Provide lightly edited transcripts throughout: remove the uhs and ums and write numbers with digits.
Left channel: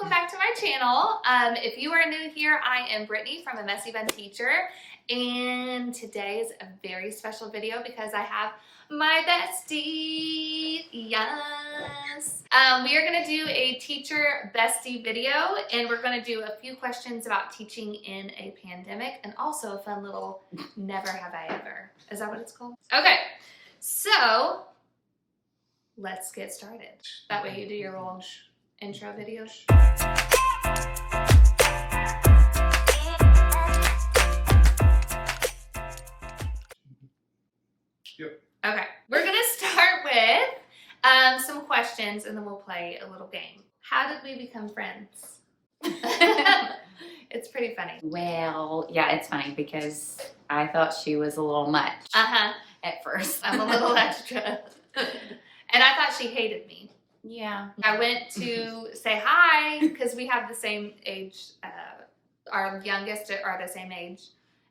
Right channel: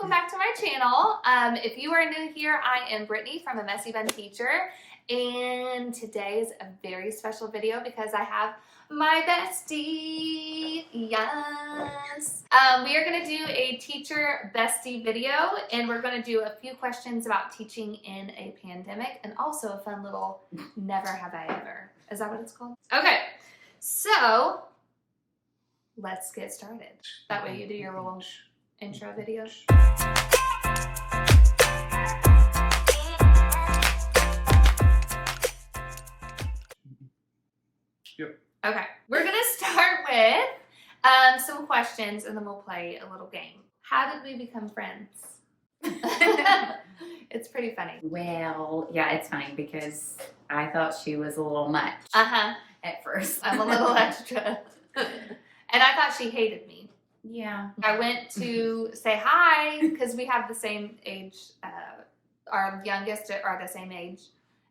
welcome back to my channel. If you are new here, I am Brittany from A Messy Bun Teacher, and today is a very special video because I have my bestie. Yes. We are going to do a teacher bestie video, and we're going to do a few questions about teaching in a pandemic, and also a fun little never have I ever. Is that what it's called? Okay, so let's get started. That way you do your little intro video. Yep. Okay, we're gonna start with some questions and then we'll play a little game. How did we become friends? It's pretty funny. Well, yeah, it's funny because I thought she was a little much at first. I'm a little extra. And I thought she hated me. Yeah. I went to say hi because we have the same age. Our youngest are the same age.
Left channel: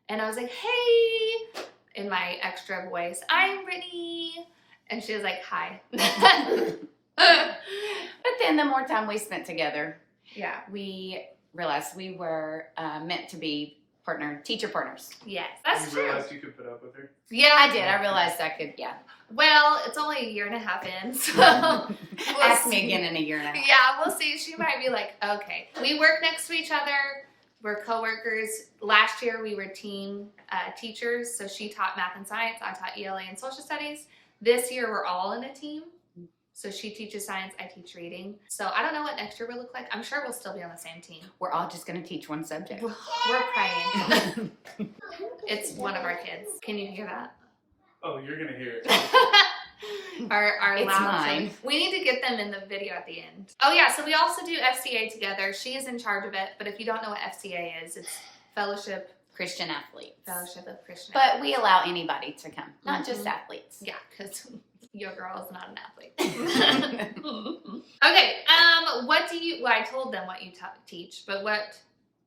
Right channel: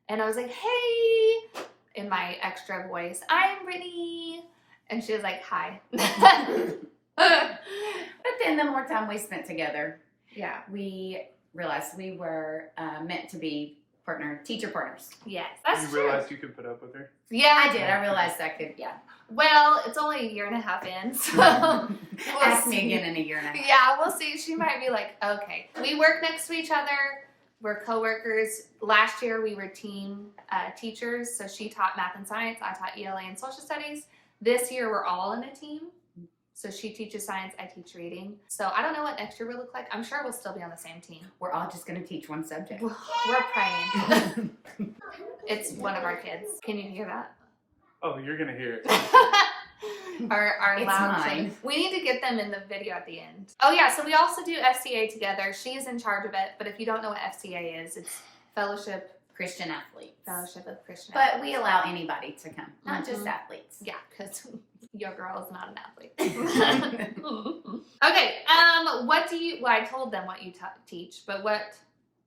And I was like, hey, in my extra voice, I'm Brittany. And she was like, hi. But then the more time we spent together, Yeah. we realized we were meant to be teacher partners. Yes, that's You true. realized you could put up with her? Yeah, I did. I realized I could, yeah. Well, it's only a year and a half in, so we'll Ask see. me again in a year and a half. Yeah, we'll see. She might be like, okay. We work next to each other. We're coworkers. Last year we were team teachers, so she taught math and science. I taught ELA and social studies. This year we're all in a team. So she teaches science, I teach reading. So I don't know what next year will look like. I'm sure we'll still be on the same team. We're all just going to teach one subject. We're praying. It's one of our kids. Can you hear that? Oh, you're gonna hear it. our It's loud mine. children. We need to get them in the video at the end. Oh yeah, so we also do FCA together. She's in charge of it, but if you don't know what FCA is, it's Christian athletes. Fellowship of Christian. But we allow anybody to come, not just Mhm. athletes. Yeah, because your girl is not an athlete. Okay, well, I told them what you teach, but what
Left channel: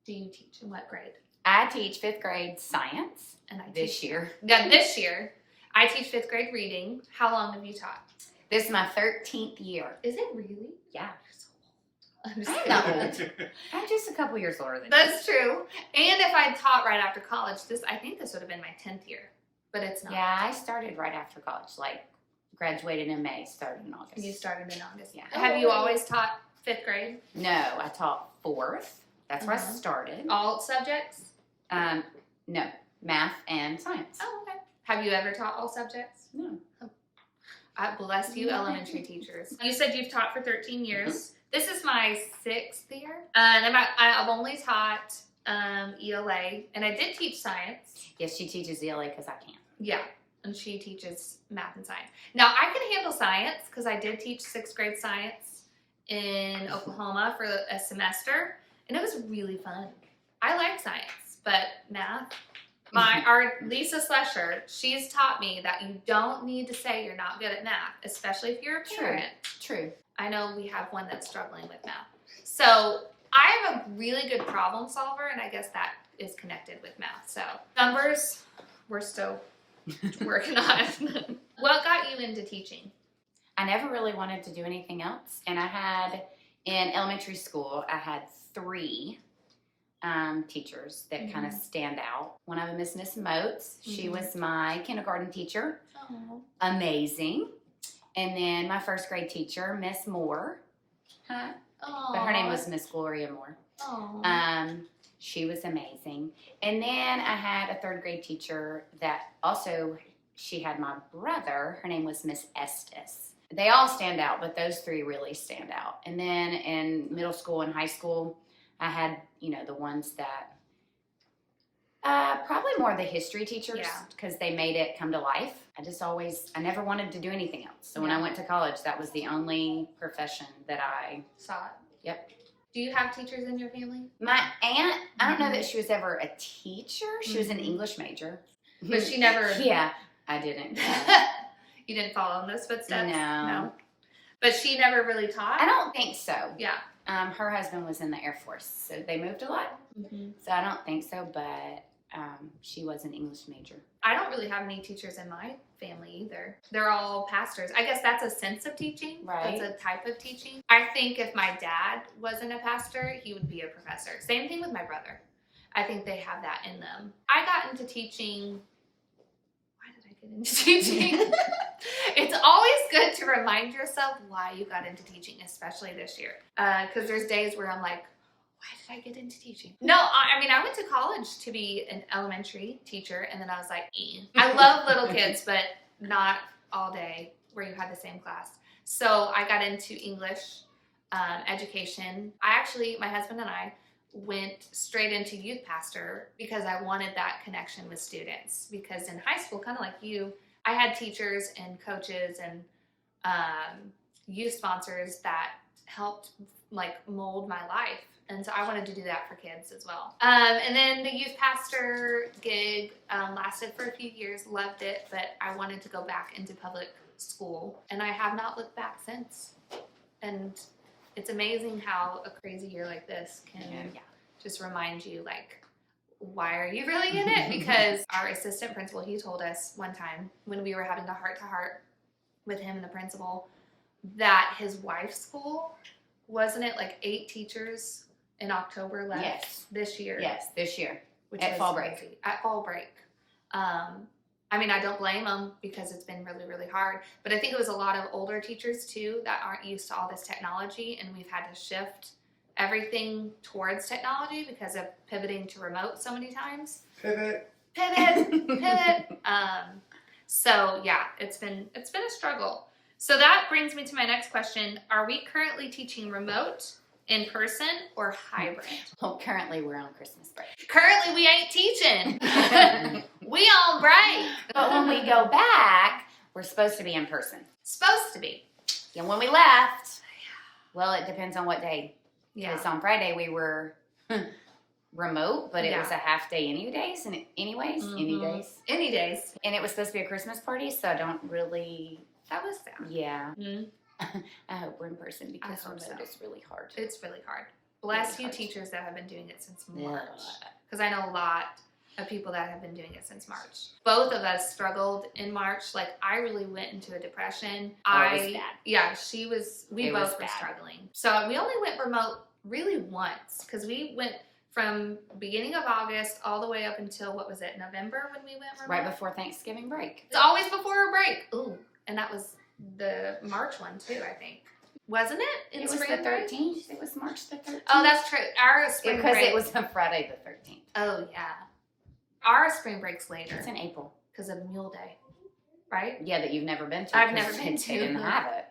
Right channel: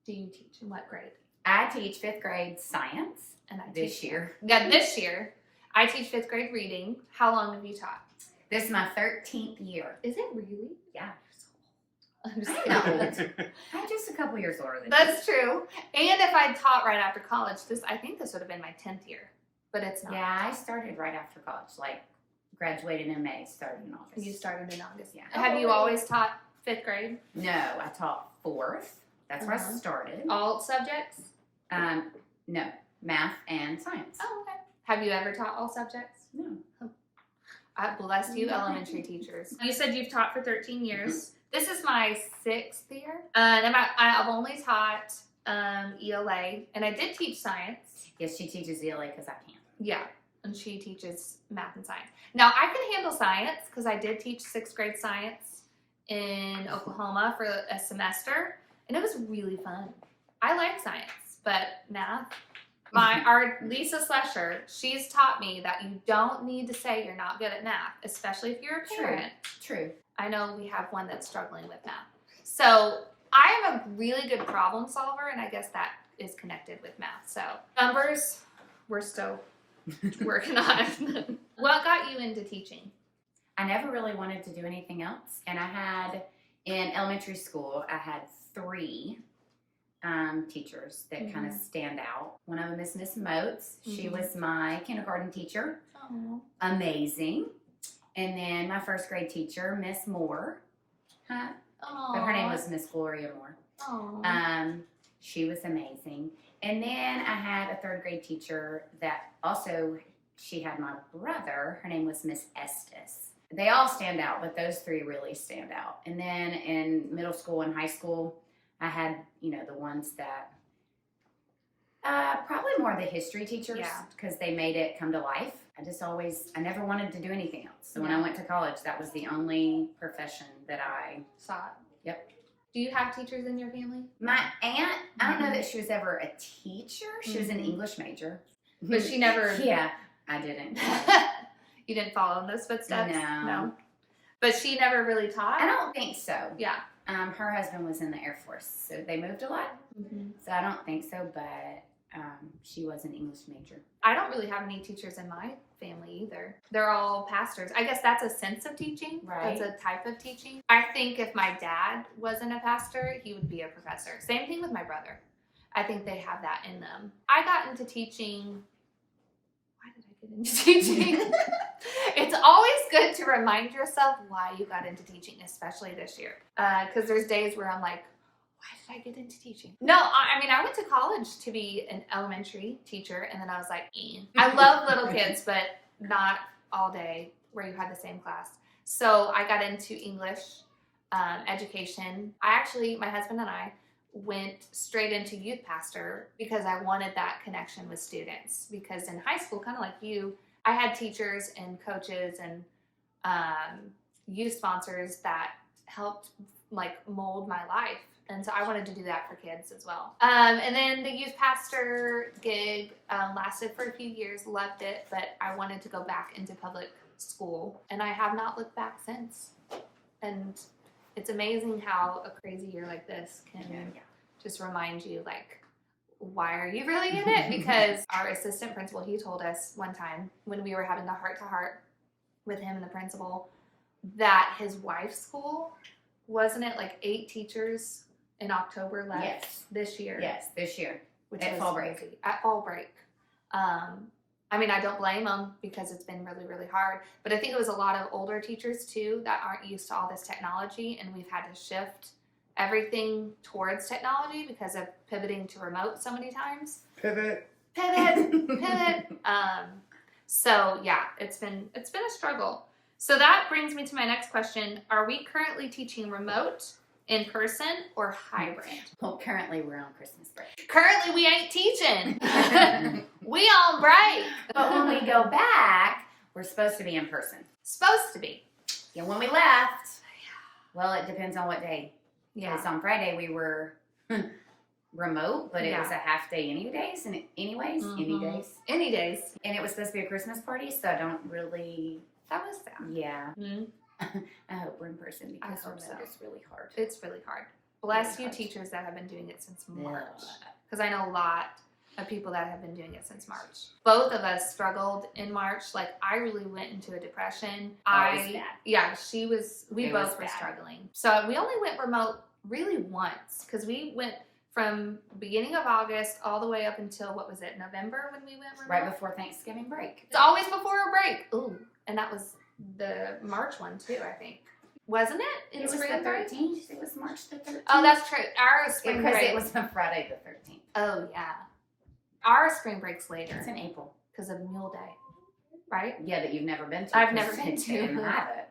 do you teach in what grade? I teach 5th grade science And I this teach year. Yeah, this year. I teach 5th grade reading. How long have you taught? This is my 13th year. Is it really? Yeah. I'm just I kidding. know. I'm just a couple years older than you. That's true. And if I taught right after college, I think this would have been my 10th year, but it's not. Yeah, I started right after college, like graduated in May, started in August. You started in August. Yeah. Have you always taught 5th grade? No, I taught 4th. That's where I started. All subjects? No, math and science. Oh, okay. Have you ever taught all subjects? No. I bless you, elementary teachers. You said you've taught for 13 years. This is my 6th year. And I've only taught ELA, and I did teach science. Yes, she teaches ELA because I can't. Yeah, and she teaches math and science. Now, I can handle science because I did teach 6th grade science in Oklahoma for a semester, and it was really fun. I like science, but math, our Lisa Slusher, she's taught me that you don't need to say you're not good at math, especially if you're a parent. True. I know we have one that's struggling with math. So I am a really good problem solver, and I guess that is connected with math. So numbers, we're still working on. What got you into teaching? I never really wanted to do anything else. And I had, in elementary school, I had 3 teachers that kind of stand out. One of them is Miss Moats. She was my kindergarten teacher. Oh. Amazing. And then my 1st grade teacher, Miss Moore. But her name was Miss Gloria Moore. She was amazing. And then I had a 3rd grade teacher that also, she had my brother. Her name was Miss Estes. They all stand out, but those 3 really stand out. And then in middle school and high school, I had, the ones that, probably more the history teachers, because they made it come to life. I never wanted to do anything else. So when I went to college, that was the only profession that I saw it. Yep. Do you have teachers in your family? My aunt, I don't know that she was ever a teacher. She was an English major. But she never... Yeah, I didn't. You didn't follow in those footsteps? No. But she never really taught? I don't think so. Yeah. Her husband was in the Air Force, so they moved a lot. So I don't think so, but she was an English major. I don't really have any teachers in my family either. They're all pastors. I guess that's a sense of teaching. Right. That's a type of teaching. I think if my dad wasn't a pastor, he would be a professor. Same thing with my brother. I think they have that in them. I got into teaching. Why did I get into teaching? It's always good to remind yourself why you got into teaching, especially this year. Because there's days where I'm like, why did I get into teaching? No, I mean, I went to college to be an elementary teacher, and then I was like, I love little kids, but not all day where you had the same class. So I got into English education. My husband and I went straight into youth pastor because I wanted that connection with students. Because in high school, kind of like you, I had teachers and coaches and youth sponsors that helped like mold my life. And so I wanted to do that for kids as well. And then the youth pastor gig lasted for a few years, loved it, but I wanted to go back into public school. And I have not looked back since. And it's amazing how a crazy year like this can just remind you, like, why are you really in it? Because our assistant principal, he told us one time when we were having a heart-to-heart with him and the principal that his wife's school, wasn't it like 8 teachers in October left this year? Yes, this year. Which at was fall break. crazy. At fall break. I mean, I don't blame them because it's been really, really hard. But I think it was a lot of older teachers too that aren't used to all this technology, and we've had to shift everything towards technology because of pivoting to remote so many times. Pivot. So yeah, it's been a struggle. So that brings me to my next question. Are we currently teaching remote, in person, or hybrid? Well, currently we're on Christmas break. Currently we ain't teaching. We on break. But when we go back, we're supposed to be in person. Supposed to be. Yeah, when we left, well, it depends on what day. Yeah. Because on Friday we were remote, but it was a half day any days. Any days. And it was supposed to be a Christmas party, so I don't really... That was sad. Yeah. Mm-hmm. I hope we're in person because I hope remote so. is really hard. It's really hard. Bless Really you hard. teachers that have been doing it since March. Because I know a lot of people that have been doing it since March. Both of us struggled in March. Like, I really went into a depression. It was bad. Yeah, we It both was were bad. struggling. So we only went remote really once because we went from beginning of August all the way up until, what was it, November when we went remote? Right before Thanksgiving break. It's always before a break. Ooh, and that was the March one too, I think. Wasn't it? It was the 13th. It was March the 13th. Oh, that's true. Our spring because break. it was on Friday the 13th. Oh, yeah. Our spring break's later It's in April. because of Mule Day, right? Yeah, that you've never been to. I've never been They to. didn't have it.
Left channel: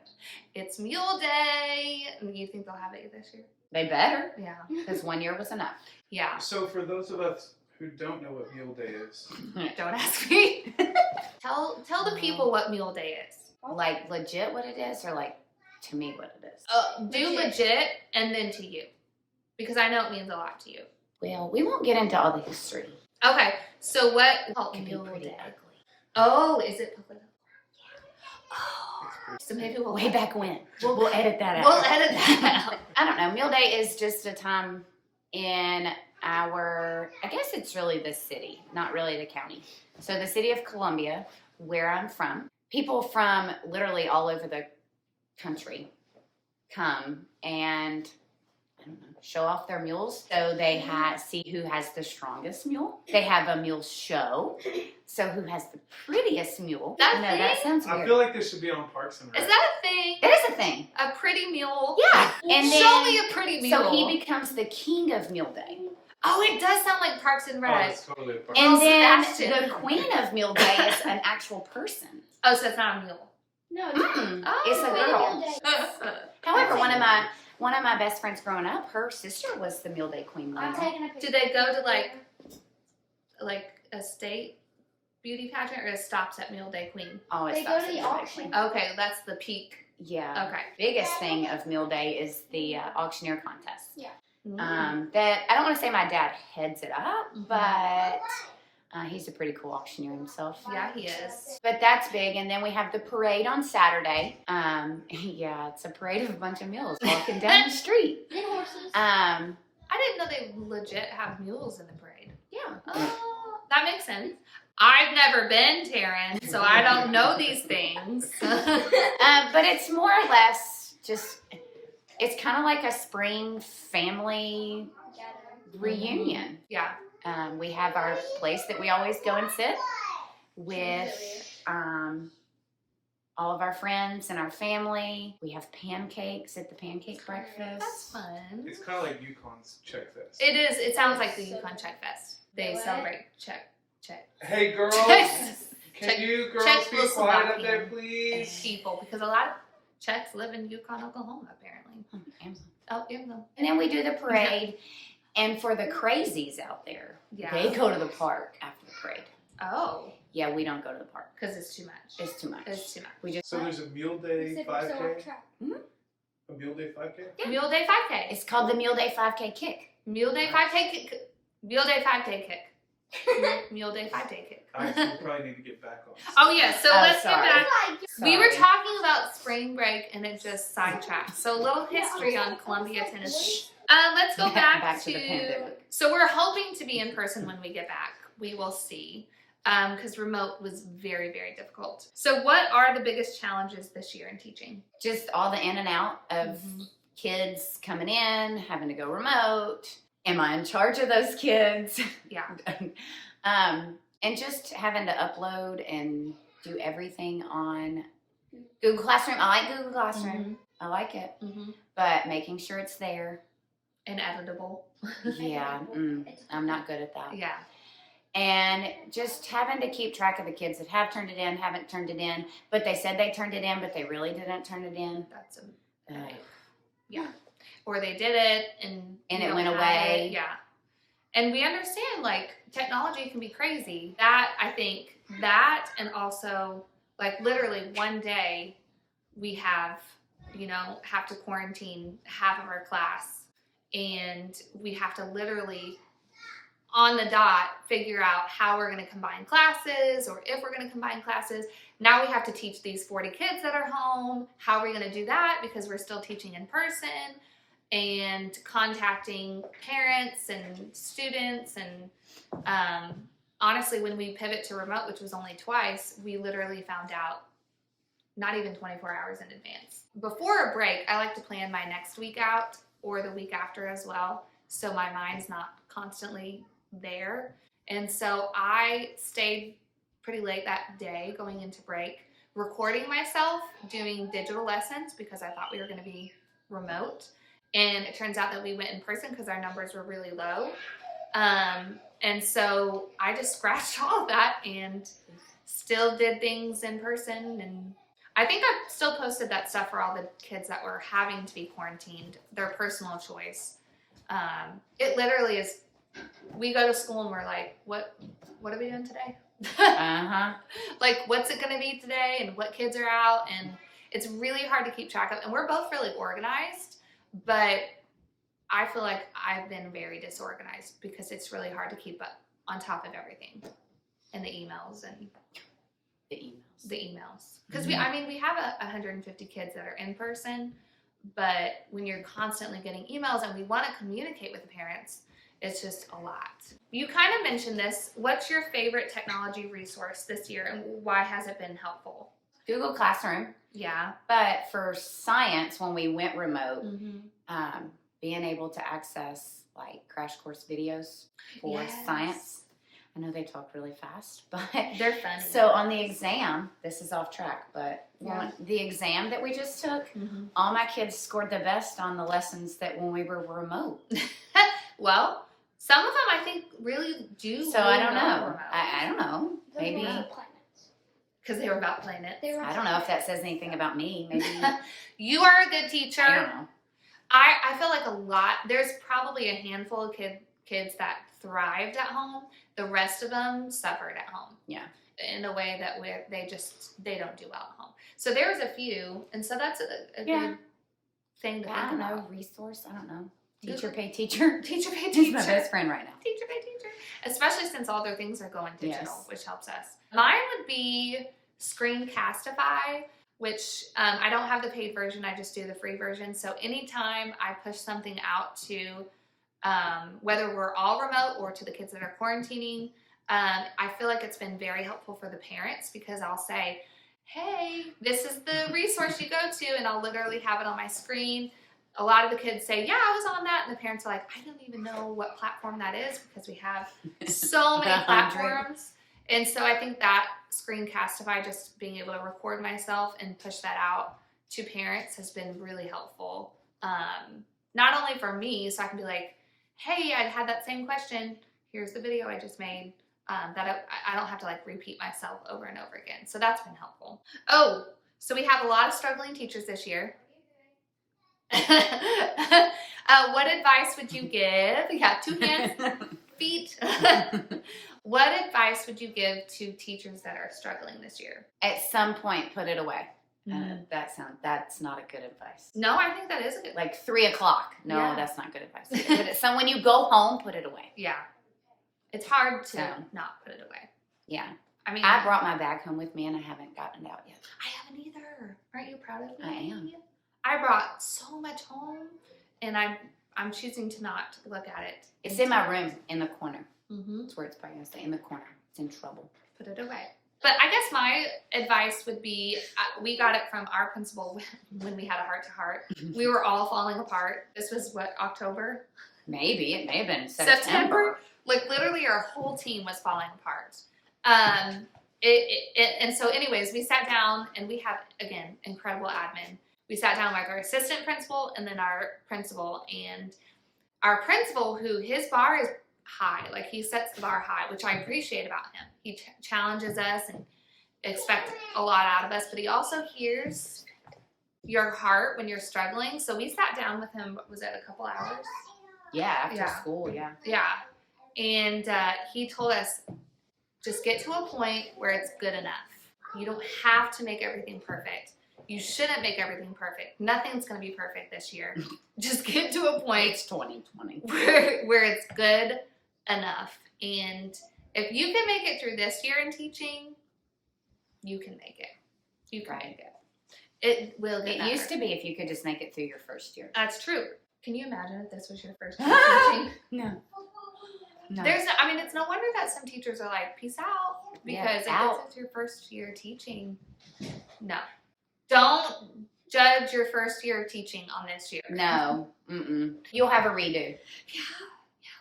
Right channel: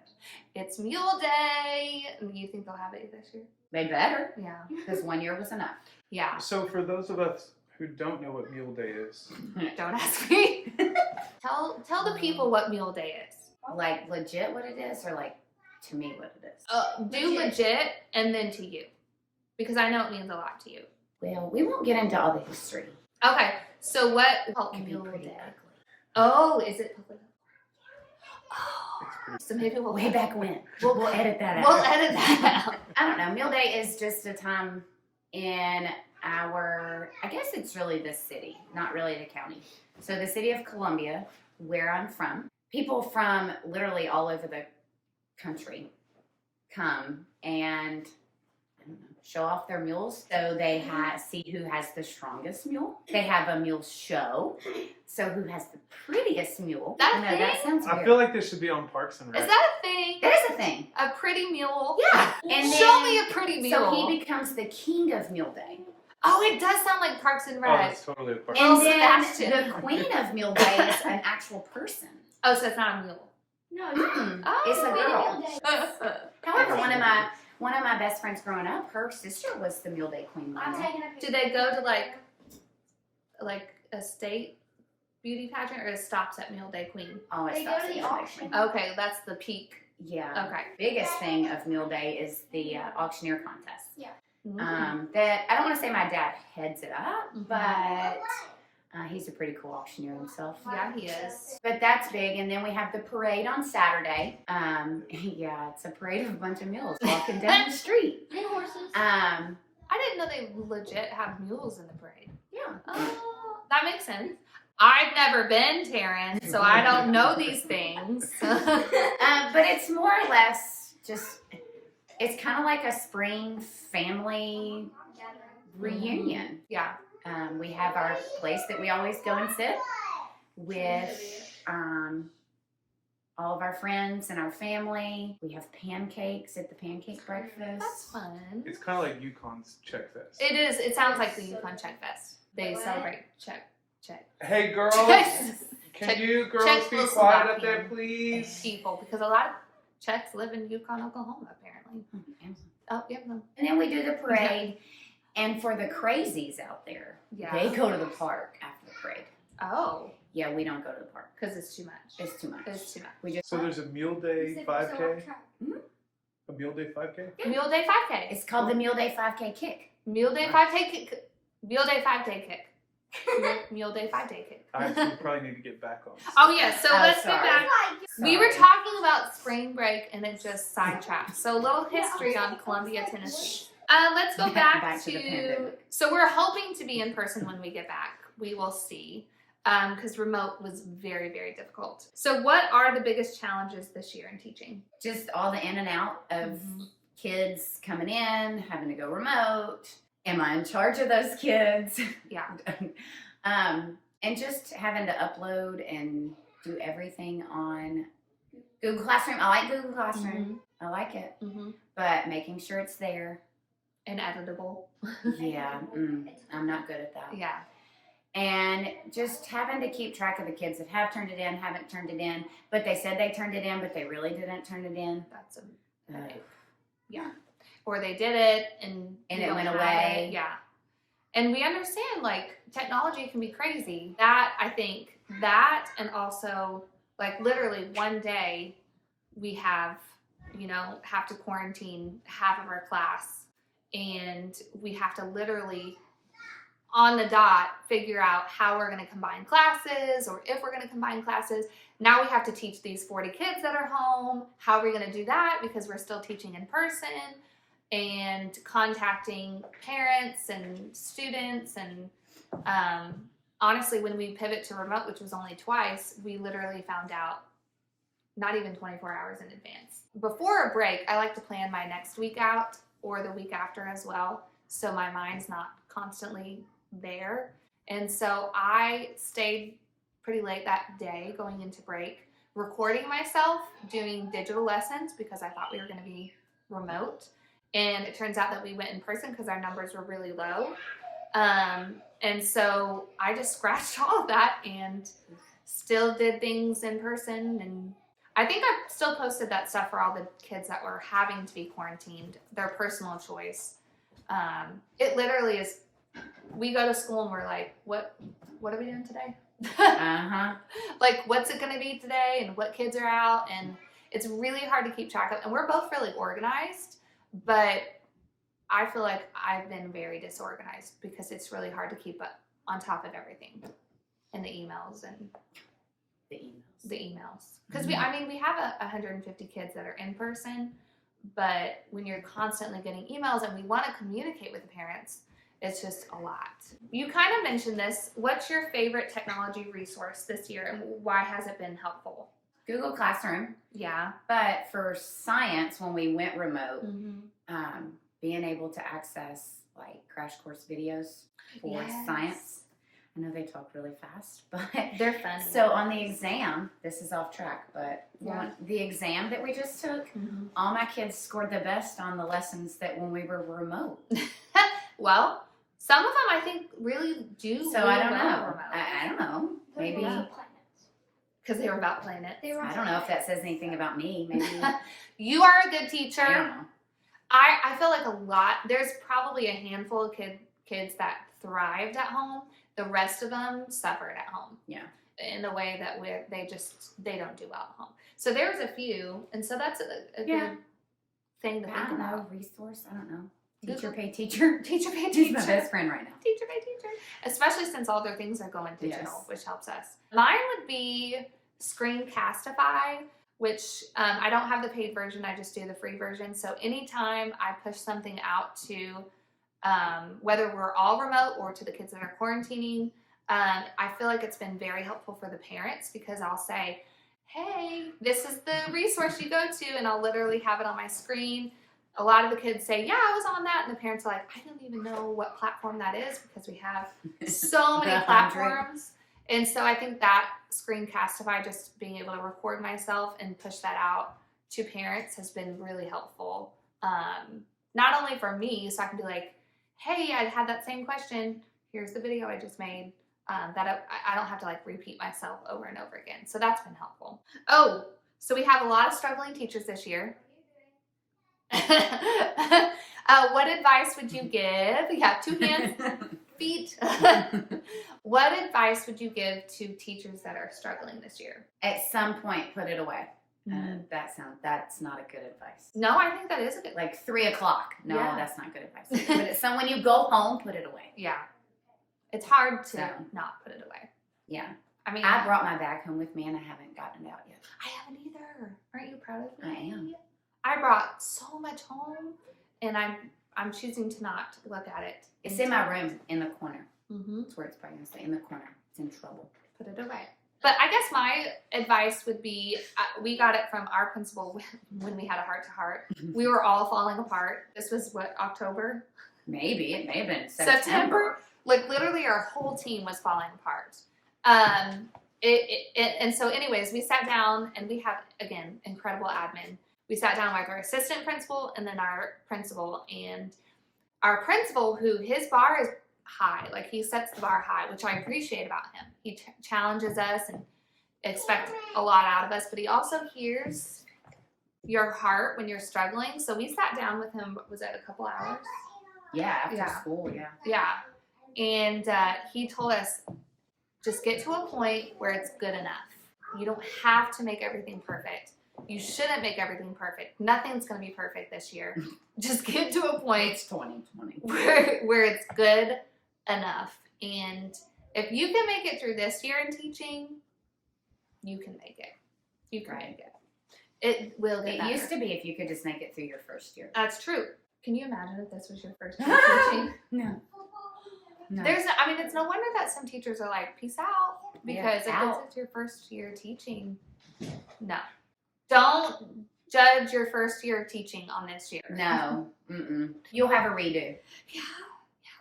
It's Mule Day. You think they'll have it this year? They better, Yeah. because 1 year was enough. Yeah. So for those of us who don't know what Mule Day is, Don't ask me. Tell the people what Mule Day is. Like legit what it is, or like to me what it is? Do legit and then to you, because I know it means a lot to you. Well, we won't get into all the history. Okay. So what? It can be Mule pretty Day. ugly. Oh, is it political? Oh. So maybe we'll Way back when. We'll- We'll edit that out. We'll edit that out. I don't know. Mule Day is just a time in I guess it's really the city, not really the county. So the city of Columbia, where I'm from, people from literally all over the country come and I don't know, show off their mules. So they see who has the strongest mule. They have a mule show. So who has the prettiest mule? That I know that thing? sounds I weird. feel like they should be on Parks and Rec. Is that a thing? It is a thing. A pretty mule? Yeah. And Show then- me a pretty mule. So he becomes the king of Mule Day. Oh, it does sound like Parks and Oh, Rec. it's totally a park. Oh, And then Sebastian. the queen of Mule Day is an actual person. Oh, so it's not a mule. No, Oh. It's a girl. Mule Day. However, one of my best friends growing up, her sister was the Mule Day queen. I'm Lena. taking a picture. Do they go to like a state beauty pageant, or it stops at Mule Day Queen? Oh, it They stops go to at the Mule Day auction. queen. Okay, that's the peak. Yeah. Okay. Biggest thing of Mule Day is the auctioneer contest. Mm. That I don't want to say my dad heads it up, Mhm. but he's a pretty cool auctioneer himself. Yeah, he is. But that's big, and then we have the parade on Saturday. Yeah, it's a parade of a bunch of mules walking down the street. And horses. I didn't know they legit have mules in the parade. Yeah. Oh, That makes sense. I've never been, Taryn, so I don't know these things. But it's more or less just, it's kind of like a spring family reunion. Yeah. We have our place that we always go and sit with all of our friends and our family. We have pancakes at the pancake breakfast. That's fun. It's kind of like Yukon's Check Fest. It is. It sounds like the Yukon Check Fest. They celebrate Check. Hey girls, Check- you girls Czech be quiet up Slovakian there, please? people, because a lot of Czechs live in Yukon, Oklahoma, apparently. Oh, yeah. And then we do the parade. And for the crazies out there, Yeah. they go to the park after the parade. Oh, Yeah, we don't go to the park. because it's too much. It's too much. It's too much. We just So there's a Mule Day 5K? Mhm. A Mule Day 5K? Yeah. Mule Day 5K. It's called the Mule Day 5K Kick. Mule Day 5K kick. Mule Day 5Day kick. Mule Day 5Day kick. I actually probably need to get back on. Oh yeah, so let's get sorry. back. We were Sorry. talking about spring break and it just sidetracked. So a little history on Columbia, Tennessee. Let's go back to the pandemic. So we're hoping to be in person when we get back. We will see. Because remote was very, very difficult. So what are the biggest challenges this year in teaching? Just all the in and out of kids coming in, having to go remote. Am I in charge of those kids? Yeah. And just having to upload and do everything on Google Classroom. I like Google Classroom. I like it. But making sure it's there. And editable. Yeah. I'm not good at that. Yeah. And just having to keep track of the kids that have turned it in, haven't turned it in, but they said they turned it in, but they really didn't turn it in. That's a Like, yeah. Or they did it and And you it don't went have away. it. Yeah. And we understand like technology can be crazy. That I think that and also like literally one day we have to quarantine half of our class and we have to literally on the dot figure out how we're going to combine classes or if we're going to combine classes. Now we have to teach these 40 kids that are home. How are we going to do that? Because we're still teaching in person and contacting parents and students. And honestly, when we pivot to remote, which was only twice, we literally found out not even 24 hours in advance. Before a break, I like to plan my next week out or the week after as well. So my mind's not constantly there. And so I stayed pretty late that day going into break, recording myself doing digital lessons because I thought we were going to be remote. And it turns out that we went in person because our numbers were really low. And so I just scratched all of that and still did things in person. And I think I still posted that stuff for all the kids that were having to be quarantined, their personal choice. It literally is, we go to school and we're like, what are we doing today? Like, what's it going to be today and what kids are out? And it's really hard to keep track of. And we're both really organized, but I feel like I've been very disorganized because it's really hard to keep up on top of everything and the emails and the emails. Because we have 150 kids that are in person, but when you're constantly getting emails and we want to communicate with the parents, it's just a lot. You kind of mentioned this. What's your favorite technology resource this year and why has it been helpful? Google Classroom. Yeah. But for science, when we went remote, being able to access like crash course videos for science. I know they talk really fast, but they're funny. So on the exam, this is off track, but the exam that we just took, all my kids scored the best on the lessons that when we were remote. Well, some of them I think really do. So I don't know. I don't know. Maybe because they were about planets. I don't know if that says anything about me. Maybe you are a good teacher. I don't know. I feel like there's probably a handful of kids that thrived at home. The rest of them suffered at home. Yeah. In a way that they don't do well at home. So there's a few, and so that's a good thing to think about. Resource, I don't know. Teacher pay teacher. Teacher pay teacher. He's my best friend right now. Teacher pay teacher. Especially since all their things are going digital, which helps us. Mine would be Screencastify, which I don't have the paid version. I just do the free version. So anytime I push something out to, whether we're all remote or to the kids that are quarantining, I feel like it's been very helpful for the parents because I'll say, hey, this is the resource you go to, and I'll literally have it on my screen. A lot of the kids say, yeah, I was on that, and the parents are like, I don't even know what platform that is because we have so many platforms. And so I think that Screencastify, just being able to record myself and push that out to parents has been really helpful. Not only for me, so I can be like, hey, I had that same question. Here's the video I just made. That I don't have to like repeat myself over and over again. So that's been helpful. Oh, so we have a lot of struggling teachers this year. What advice would you give? Yeah, 2 hands, feet. What advice would you give to teachers that are struggling this year? At some point, put it away. That's not a good advice. No, I think that is a good. Like 3 o'clock. No, Yeah. That's not good advice. So when you go home, put it away. Yeah, it's hard to not put it away. Yeah. I mean, I brought my bag home with me, and I haven't gotten it out yet. I haven't either. Aren't you proud of me? I am. I brought so much home, and I'm choosing to not look at it. It's in my room in the corner. Mm-hmm. That's where it's probably going to stay, in the corner. It's in trouble. Put it away. But I guess my advice would be, we got it from our principal when we had a heart-to-heart. We were all falling apart. This was what, October? Maybe. It may have been September. Like literally our whole team was falling apart. And so anyways, we sat down and we have, again, incredible admin. We sat down with our assistant principal and then our principal. And our principal, who his bar is high, like he sets the bar high, which I appreciate about him. He challenges us and expects a lot out of us, but he also hears your heart when you're struggling. So we sat down with him, was it a couple hours? Yeah, after school, yeah. Yeah. And he told us, just get to a point where it's good enough. You don't have to make everything perfect. You shouldn't make everything perfect. Nothing's going to be perfect this year. Just get to a point It's 2020. where it's good enough. And if you can make it through this year in teaching, you can make it. You can make it. It will get better. It used to be if you could just make it through your first year. That's true. Can you imagine if this was your first year teaching? No. It's no wonder that some teachers are like, peace out. Because if this is your first year teaching, no. Don't judge your first year of teaching on this year. No. You'll have a redo. Yeah,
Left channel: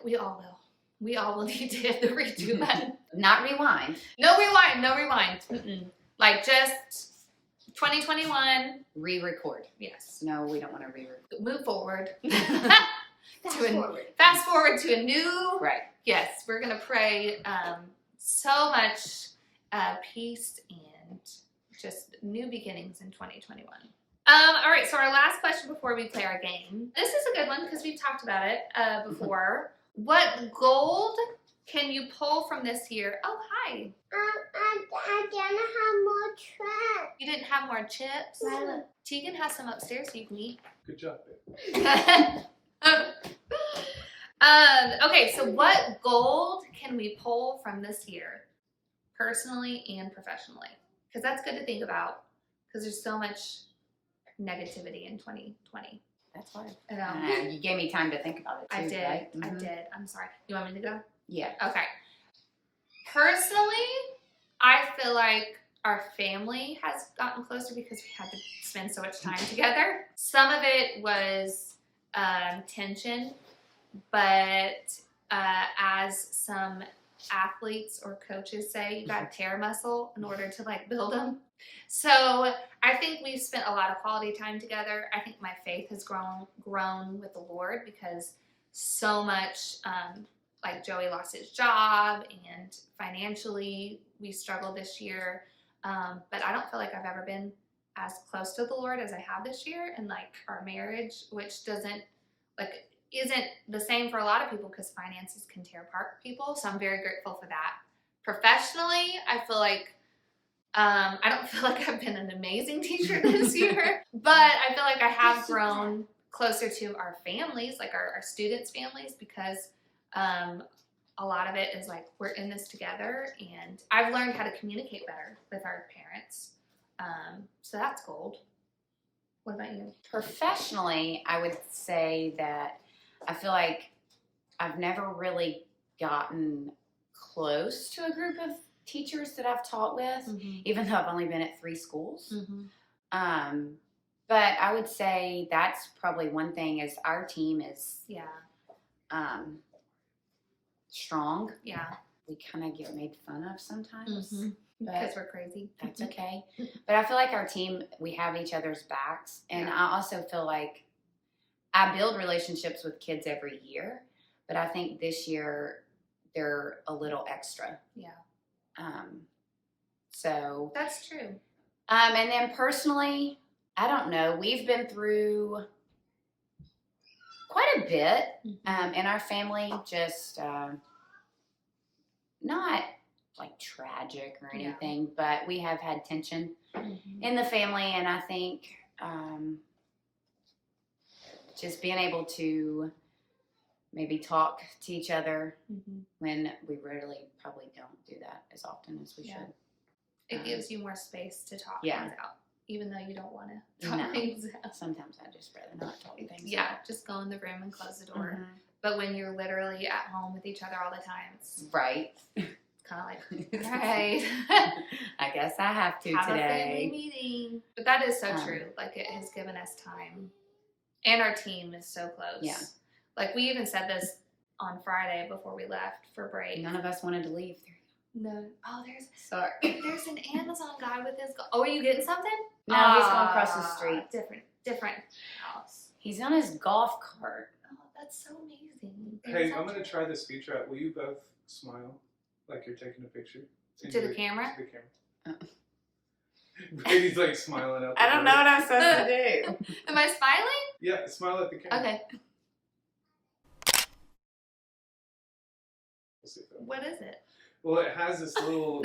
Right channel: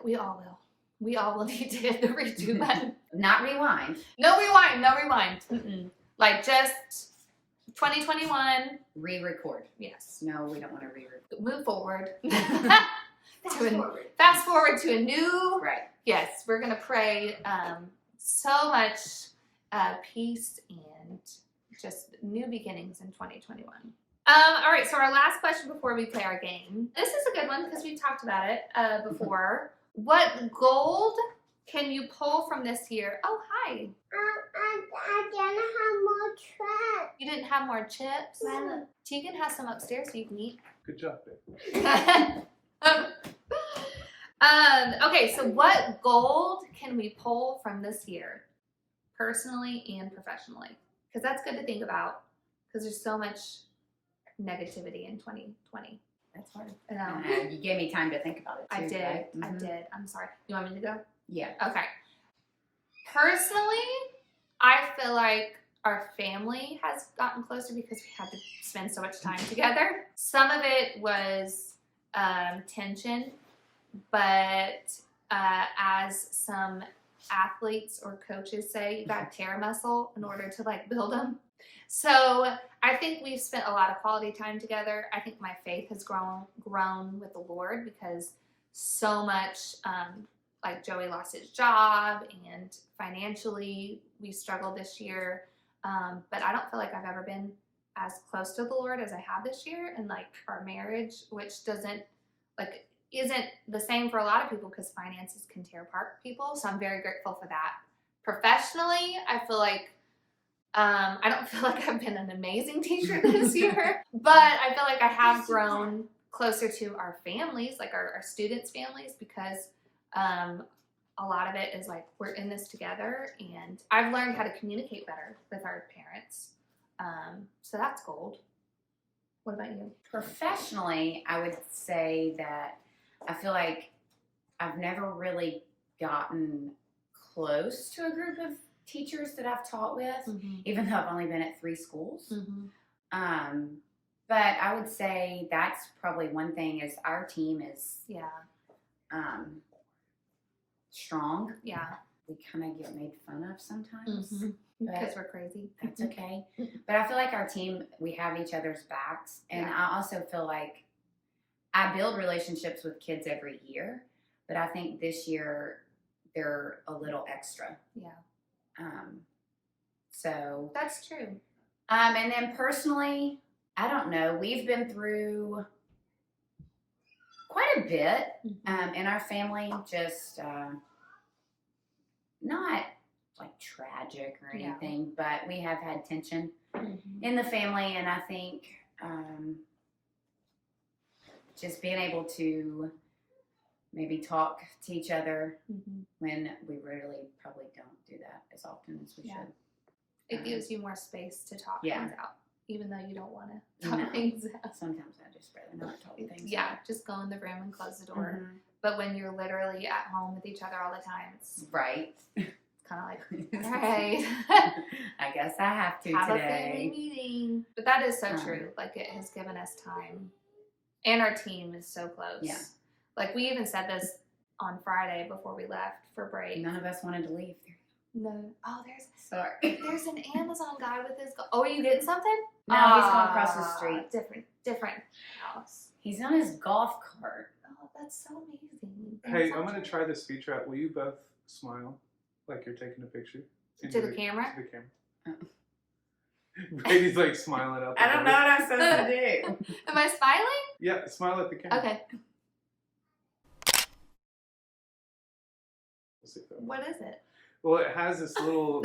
we all will. We all will need to hit the redo button. Not rewind. No rewind. Like just 2021. Re-record. Yes. No, we don't want to re-record. Move forward. Fast forward to a new. Right. Yes, we're going to pray so much peace and just new beginnings in 2021. All right, so our last question before we play our game. This is a good one because we've talked about it before. What gold can you pull from this year? Oh, hi. I didn't have more chips. You didn't have more chips? No. Tegan has some upstairs so you can eat. Good job, babe. Okay, so what gold can we pull from this year, personally and professionally? Because that's good to think about, because there's so much negativity in 2020. That's hard. I know. You gave me time to think about it too, I did. right? I did. I'm sorry. You want me to go? Yeah. Okay. Personally, I feel like our family has gotten closer because we had to spend so much time together. Some of it was tension, but as some athletes or coaches say, you got to tear muscle in order to like build them. So I think we've spent a lot of quality time together. I think my faith has grown with the Lord because so much, like Joey lost his job and financially we struggled this year. But I don't feel like I've ever been as close to the Lord as I have this year. And like our marriage, which isn't the same for a lot of people because finances can tear apart people. So I'm very grateful for that. Professionally, I feel like I don't feel like I've been an amazing teacher this year, but I feel like I have grown closer to our families, like our students' families, because a lot of it is like we're in this together, and I've learned how to communicate better with our parents. So that's gold. What about you? Professionally, I would say that I feel like I've never really gotten close to a group of teachers that I've taught with, Mhm. even though I've only been at 3 schools. Mhm. But I would say that's probably one thing is our team is Yeah. strong. Yeah. We kind of get made fun of sometimes. Mhm. But Because we're crazy. that's okay. But I feel like our team, we have each other's backs. And Yeah. I also feel like I build relationships with kids every year. But I think this year they're a little extra. Yeah. So. That's true. And then personally, I don't know. We've been through quite a bit in our family. Just not like tragic or anything, but we have had tension in the family, and I think just being able to maybe talk to each other when we really probably don't do that as often as we should. It gives you more space to talk Yeah. things out, even though you don't want to talk things out. Sometimes I just rather not talk things Yeah, out. just go in the room and close the door. But when you're literally at home with each other all the time, it's Right. kind of like, all right. I guess I have to Have a today. family meeting. But that is so true. Like, it has given us time. And our team is so close. Yeah. Like, we even said this on Friday before we left for break. None of us wanted to leave. No. Oh, Sorry. there's an Amazon guy with his. Oh, are you getting something? No, he's going across the street. Different house. He's on his golf cart. Oh, that's so amazing. Hey, That's I'm going to try this feature out. Will you both smile like you're taking a picture? To the camera? To the camera. Brady's like smiling out the I don't know window. what I'm supposed to do. Am I smiling? Yeah, smile at the camera. Okay. We'll see if that- What is it? Well, it has this little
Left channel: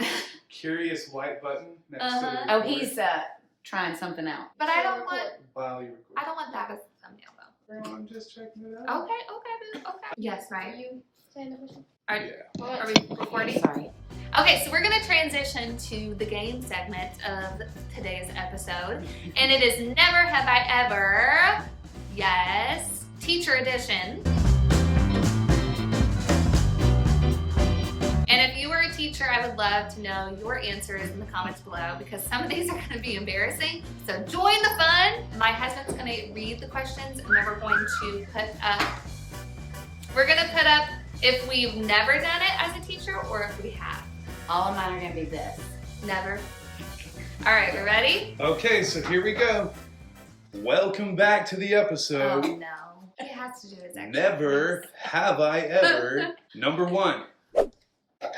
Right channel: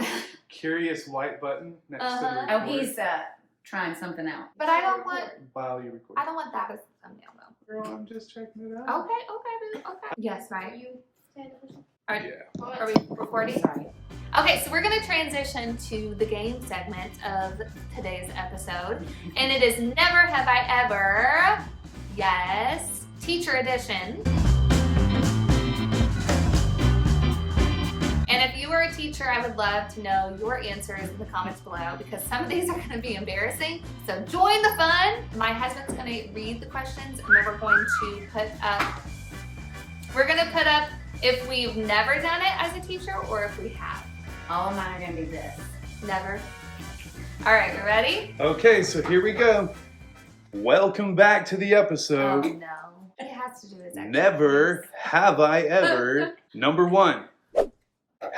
curious white button next to the Uh-huh. Oh, record he's trying something out. But I don't want. while you record. I don't want that as a thumbnail though. Girl, I'm just checking it out. Okay, boo. Okay. Yes, right. Are, Yeah. are we recording? Sorry. Okay, so we're gonna transition to the game segment of today's episode, and it is Never Have I Ever. Yes, Teacher Edition. And if you were a teacher, I would love to know your answers in the comments below because some of these are going to be embarrassing. So join the fun. My husband's going to read the questions and then we're going to put up if we've never done it as a teacher or if we have. All of mine are going to be this. Never. All right, we ready? Okay, so here we go. Welcome back to the episode. Oh no. He has to do his extra. Never have I ever. Number 1.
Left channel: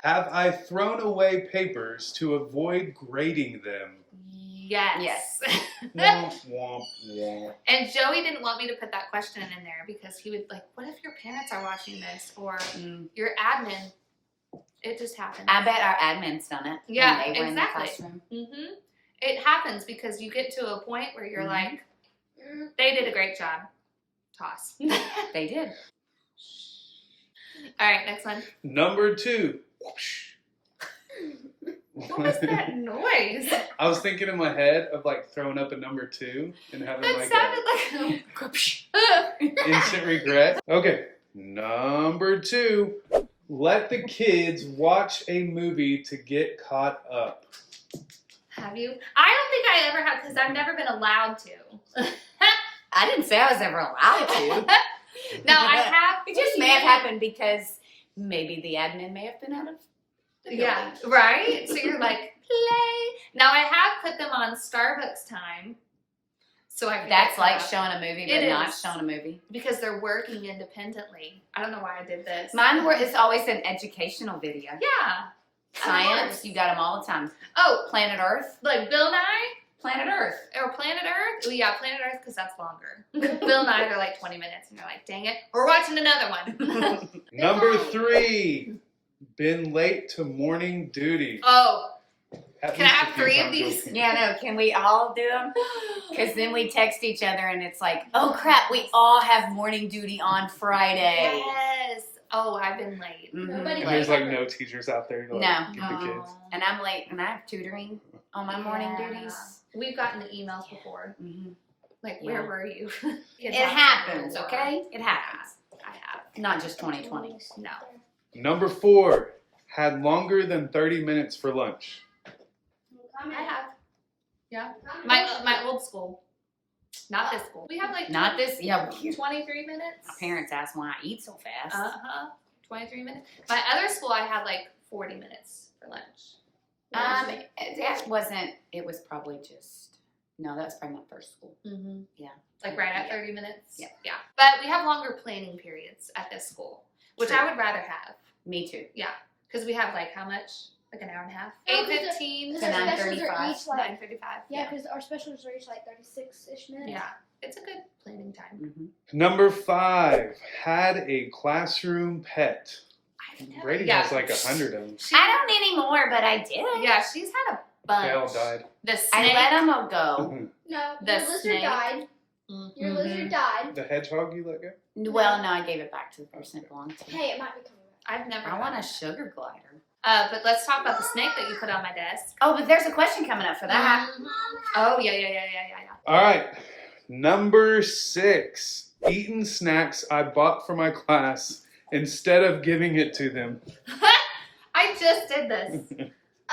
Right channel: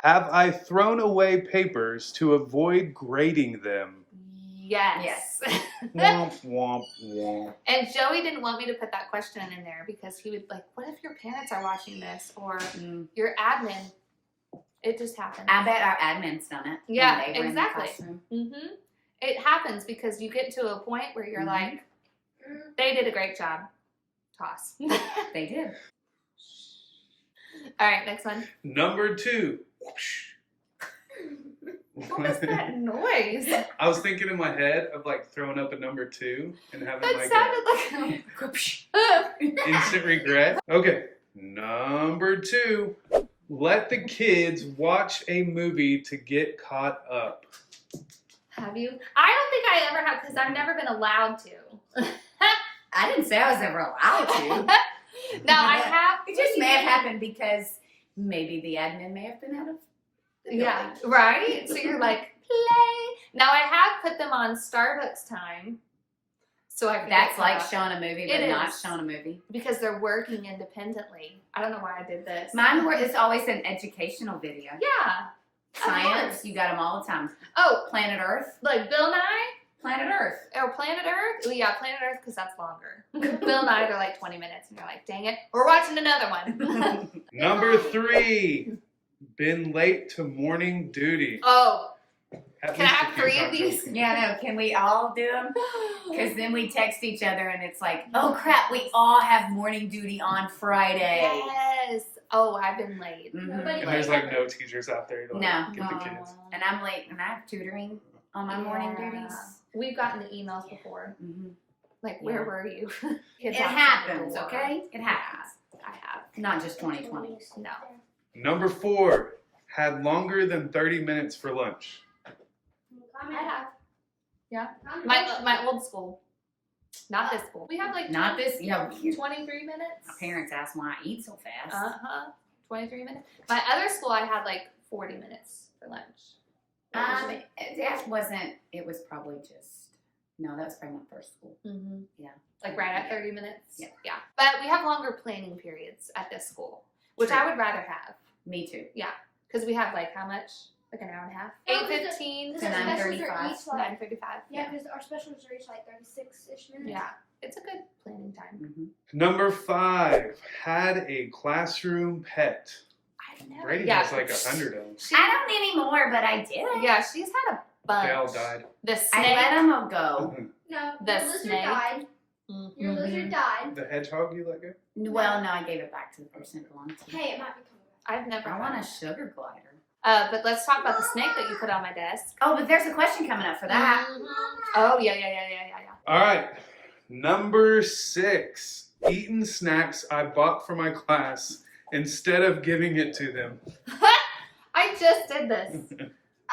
Have I thrown away papers to avoid grading them? Yes. Womp, womp, womp. And Joey didn't want me to put that question in there because he would like, what if your parents are watching this or your admin? It just happened. I bet our admin's done it. Yeah, when they were in the exactly. classroom. It happens because you get to a point where you're like, they did a great job. Toss. They did. All right, next one. Number 2. What was that noise? I was thinking in my head of like throwing up a number 2 and having That like sounded like instant regret. Okay. Number 2. Let the kids watch a movie to get caught up. Have you? I don't think I ever have because I've never been allowed to. I didn't say I was ever allowed to. Now I have. It just may have happened because maybe the admin may have been out of. Yeah, right? So you're like, play. Now I have put them on Starbucks time. So I can That's get like caught up. showing a movie, It but not is. showing a movie. Because they're working independently. I don't know why I did this. Mine is always an educational video. Yeah. Science, course. you got them all the time. Oh, Planet Earth, like Bill Nye? Planet Earth. Or Planet Earth? Oh, yeah, Planet Earth because that's longer. Bill Nye, they're like 20 minutes and you're like, dang it. We're watching another one. Number 3. Been late to morning duty. Oh, At can I least a have few 3 of times these? over. Yeah, no, can we all do them? Because then we text each other and it's like, oh crap, we all have morning duty on Friday. Yes. Oh, I've been late. Mhm. And there's like no teachers out there. To, like, No. get the kids. And I'm late and I have tutoring on my morning Yeah. duties. We've gotten the emails before. Mm-hmm. Like, where Yeah. were you? It Kids outside the happens, door. okay? It happens. I have. Not just 2020. No. Number 4. had longer than 30 minutes for lunch? I have. Yeah. My old school. Not this school. We have like Not this. Yeah. 23 minutes. My parents asked why I eat so fast. 23 minutes. My other school, I had like 40 minutes for lunch. That wasn't. It was probably just. No, that was probably my first school. Mm-hmm. Yeah. Like right at 30 minutes? Yeah. Yeah. But we have longer planning periods at this school, which True. I would rather have. Me too. Yeah. Because we have like how much? Like an hour and a half? Oh, 8:15 to 9:35. 9:35. Yeah, because our specials are each like 36-ish minutes. Yeah. It's a good planning time. Mm-hmm. Number 5, had a classroom pet. I've never. Brady Yeah. has like 100 of them. I don't anymore, but I did. Yeah, she's had a bunch. Gal died. The I snake. let them go. No, The your lizard snake. died. Mhm. Your lizard died. The hedgehog you let go? Well, no, I gave it back to the person it belonged to. Hey, it might be coming back. I've never. I had want a one. sugar glider. But let's talk about the snake that you put on my desk. Oh, but there's a question coming up for that. Mhm. Oh yeah. All right. Number 6, eating snacks I bought for my class instead of giving it to them. I just did this.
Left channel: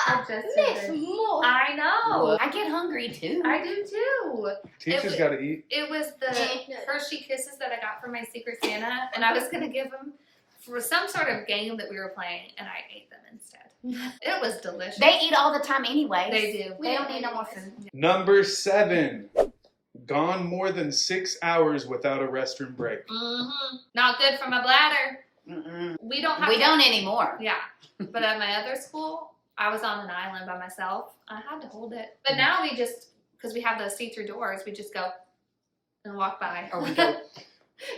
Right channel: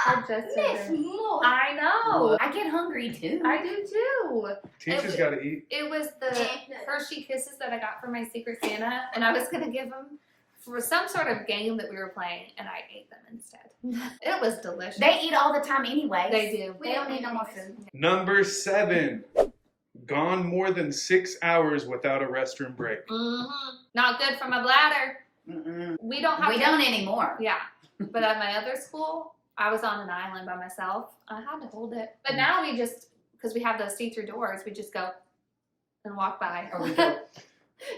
I just did Miss this. Moore. I know. I get hungry too. I do too. Teachers got to eat. It was the Hershey Kisses that I got from my Secret Santa, and I was gonna give them for some sort of game that we were playing, and I ate them instead. It was delicious. They eat all the time anyway. They do. They don't need no more food. Number 7, gone more than 6 hours without a restroom break. Mm-hmm. Not good for my bladder. Mm-mm. We don't have. We don't anymore. Yeah, but at my other school, I was on an island by myself. I had to hold it, but now we just because we have those see-through doors, we just go and walk by. Or we go.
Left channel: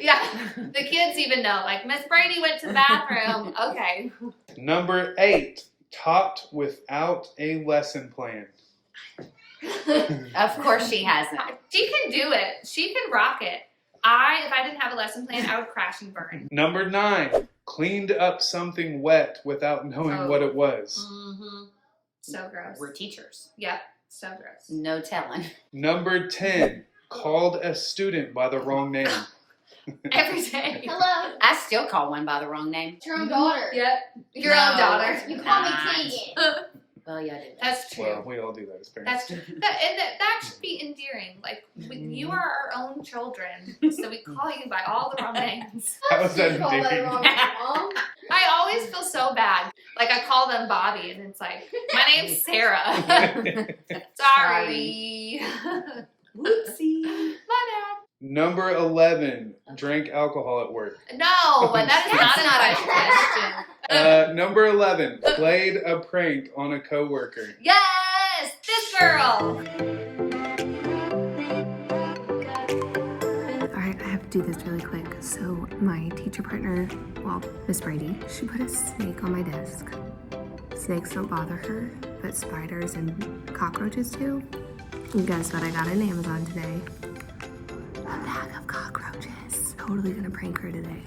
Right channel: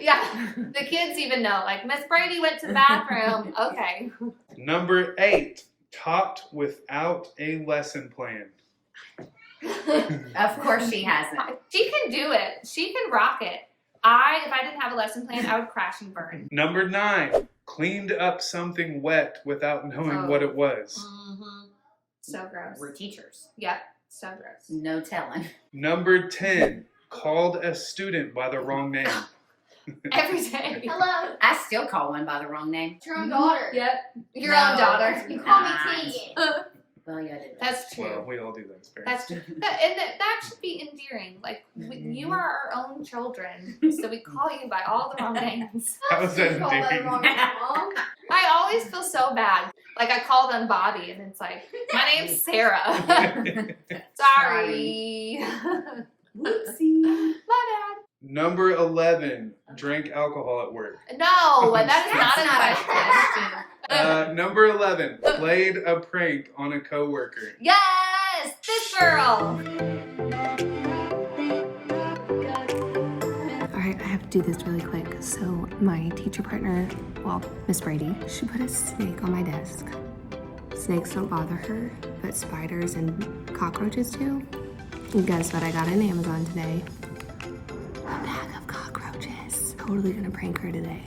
Yeah, the kids even know. Like Miss Brady went to the bathroom. Okay. Number 8, taught without a lesson plan. Of course she hasn't. She can do it. She can rock it. If I didn't have a lesson plan, I would crash and burn. Number 9, cleaned up something wet without knowing Oh. what it was. Mm-hmm. So gross. We're teachers. Yep. So gross. No telling. Number 10, called a student by the wrong name. Every day. Hello. I still call one by the wrong name. It's your own daughter. Yep. Your No. own daughter. You call me Nah. Tegan. Well, yeah, I did that. That's true. Well, we all do that as parents. That's true. That should be endearing. Like, you are our own children, so we call you by all the wrong names. How's that You call that endearing? wrong, Mom. I always feel so bad. Like, I call them Bobby, and it's like, my name's Sarah. Sorry. Whoopsie. My bad. Number 11, drank alcohol at work. No, that is not That's a not a question. Number 11, played a prank on a coworker. Yes, this girl. Alright, I have to do this really quick. So my teacher partner, well, Miss Brady, she put a snake on my desk. Snakes don't bother her, but spiders and cockroaches do. And guess what I got on Amazon today? A bag of cockroaches. Totally gonna prank her today.